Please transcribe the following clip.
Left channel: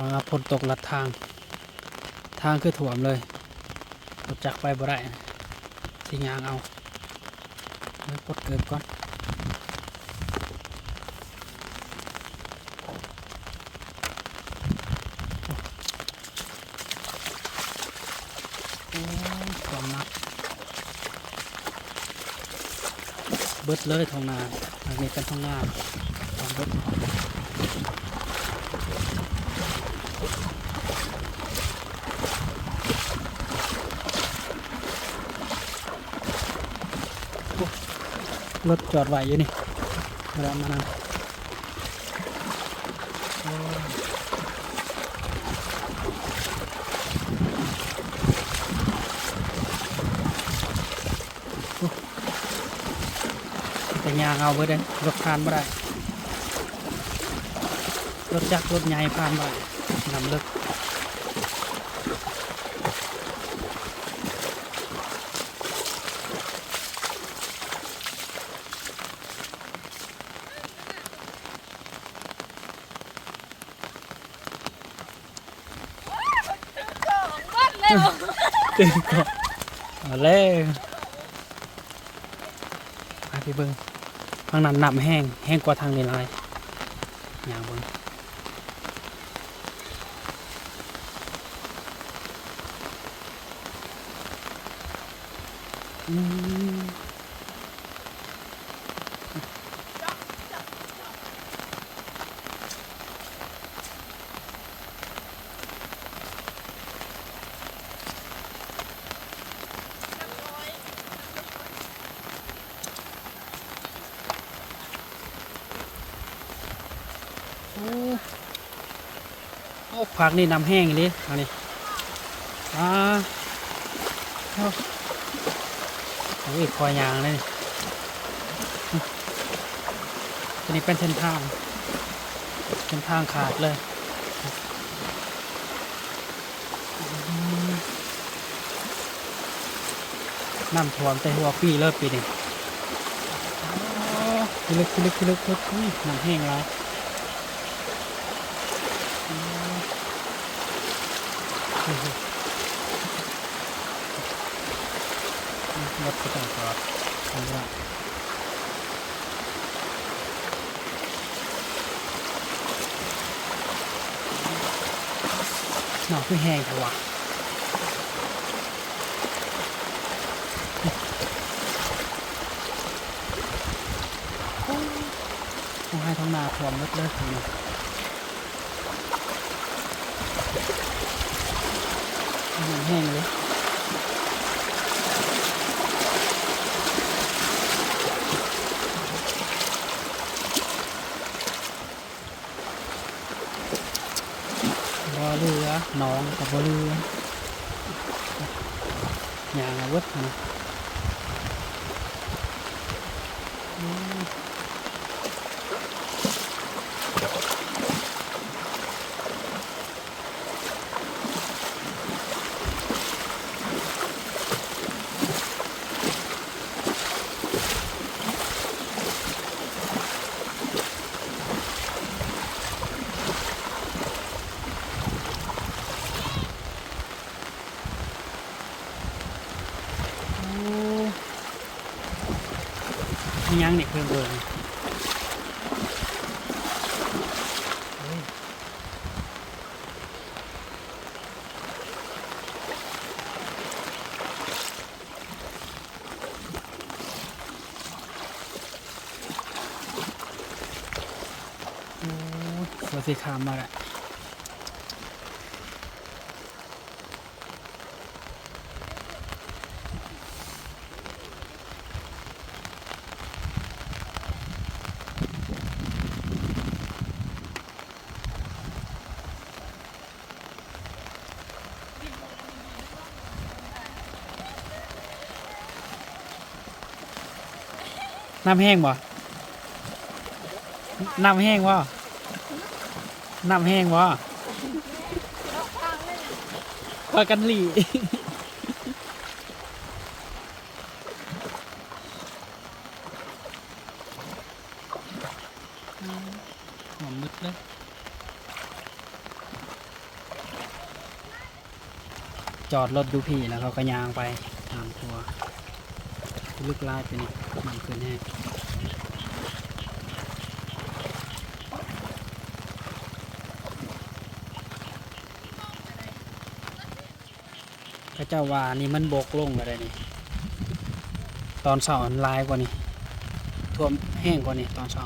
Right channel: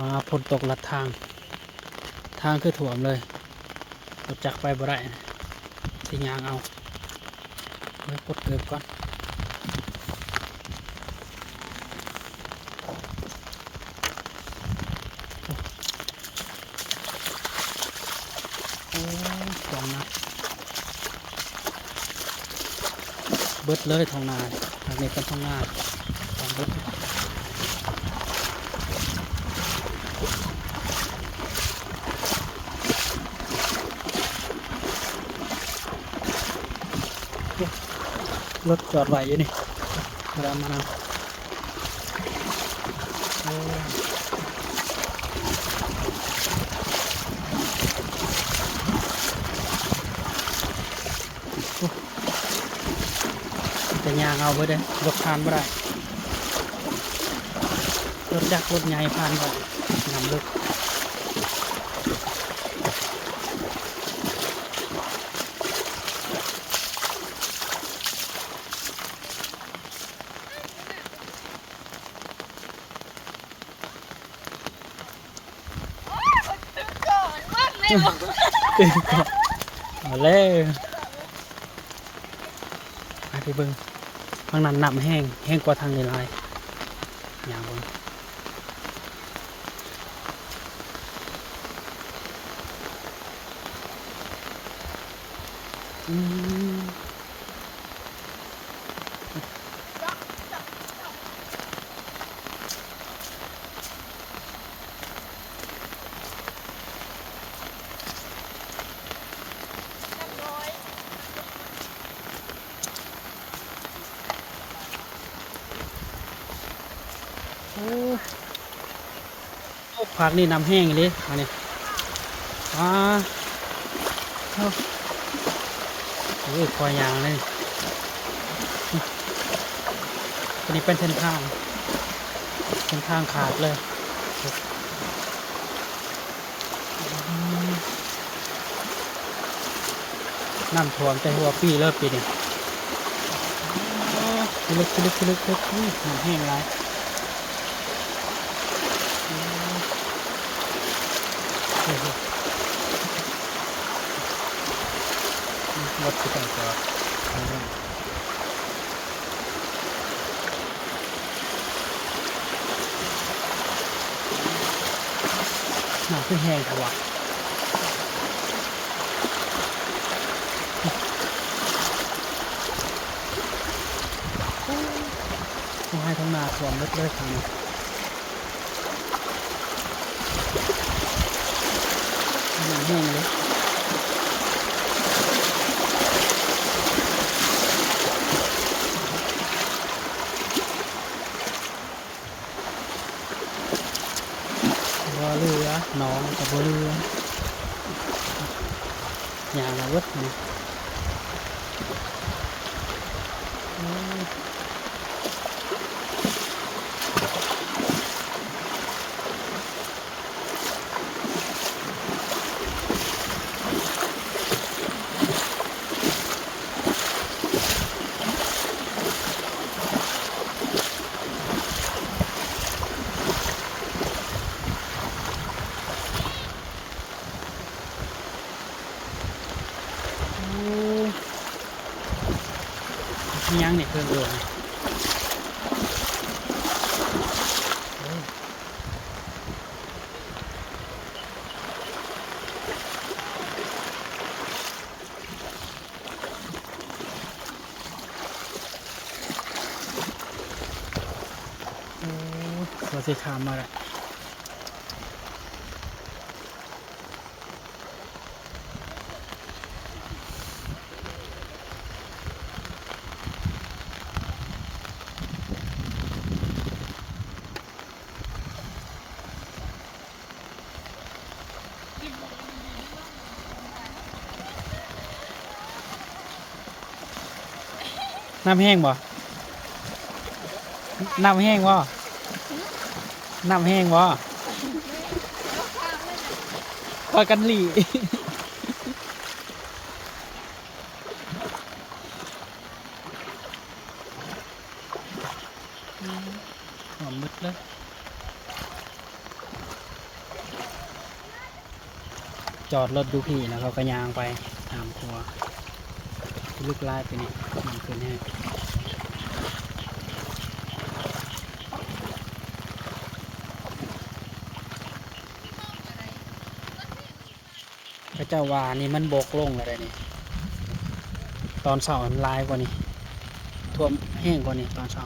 ว่าฝนตกลัดทางคือถ่วมเลยรถจักรไปบ่ได้สิยางเอาไว้ปลดเกือบก่อนโอ้ถ่วมนักเบิดเลยท้องนาทางนี้เป็นท้องนาท้องเบิดรถจอดไว้อยู่นี่มาแล้วมานำจะยางเอาไปเด้อรถผ่านไม่ได้รถจักรรถไงผ่านไม่ได้นำลึกตื่นก่อนเอาเลยมาที่เบิ้งทางนั้นน้ำแห้งกว่าทางนี้เลยอย่างเบิ้งผักนี่น้ำแห้งเลยอันนี้โอ้ยคอยยางเลยอันนี้เป็นเส้นทางขาดเลยน้ำท่วมแต่หัวปีเลิกปีนี่ทีเล็กน้ำแห้งแล้วรถก็ต้องจอดไม่ได้หนาขึ้นแห้งค่ะวะต้องให้ท้องนาท่วมเลิกทางนี้น้ำแห้งเลยบ่เรือน้องกับบ่เรือย่างเอาวัดนะยังเนี่ยเพื่อนเดินเราจะขามมาแหละน้ำแห้งบ่น้ำแห้งบ่พอกันหลีหอมมืดเลย จอดรถดูพี่แล้วเขาก็ยางไปตามครัวลูกลายไปนี่มันขึ้นให้พระเจ้าว่านี่มันบกลงอะไรนี่ตอนเช้ามันลายกว่านี้ท่วมแห้งกว่านี้ตอนเช้า